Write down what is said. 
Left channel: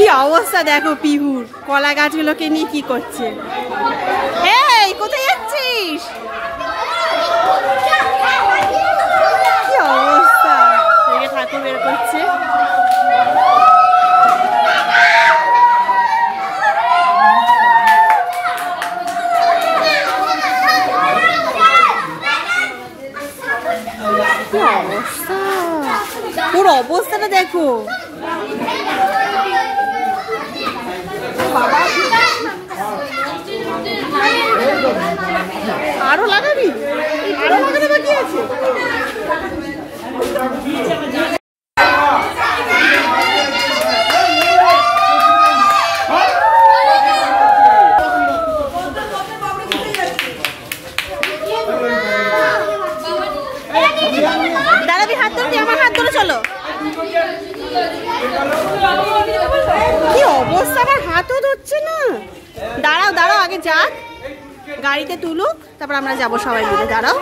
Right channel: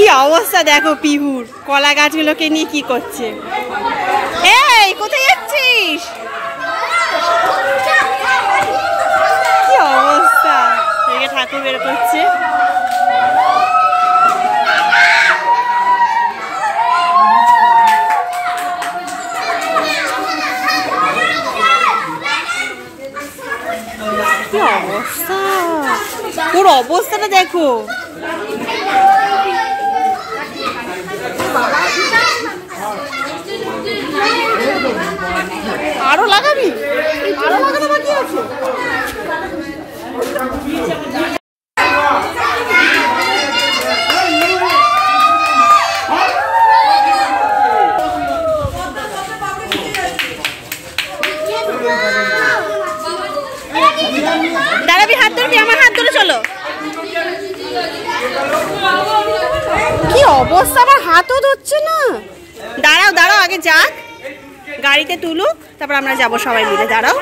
কি অবস্থা দেখো পিহুর, কলা গাছগুলোকে নিয়ে কি করছে। এই কোথায় যাচ্ছিস? কি অবস্থা, এদিকে ঠাকুর বের করছে। কি অবস্থা, ওর অবস্থাটা দেখো। আরো লাগাবি? আরো লাগানো বাকি আছে। দাঁড়াবি, হাত ধরবি, আমার হাত ধরে চলো। কি অবস্থা, আমার হাতও ধরছে না। দাঁড়াও দাঁড়াও, আগে যাক, গাড়িতে তুলুক, তারপর আমরা যাবো সবাই মিলে। দাঁড়াও।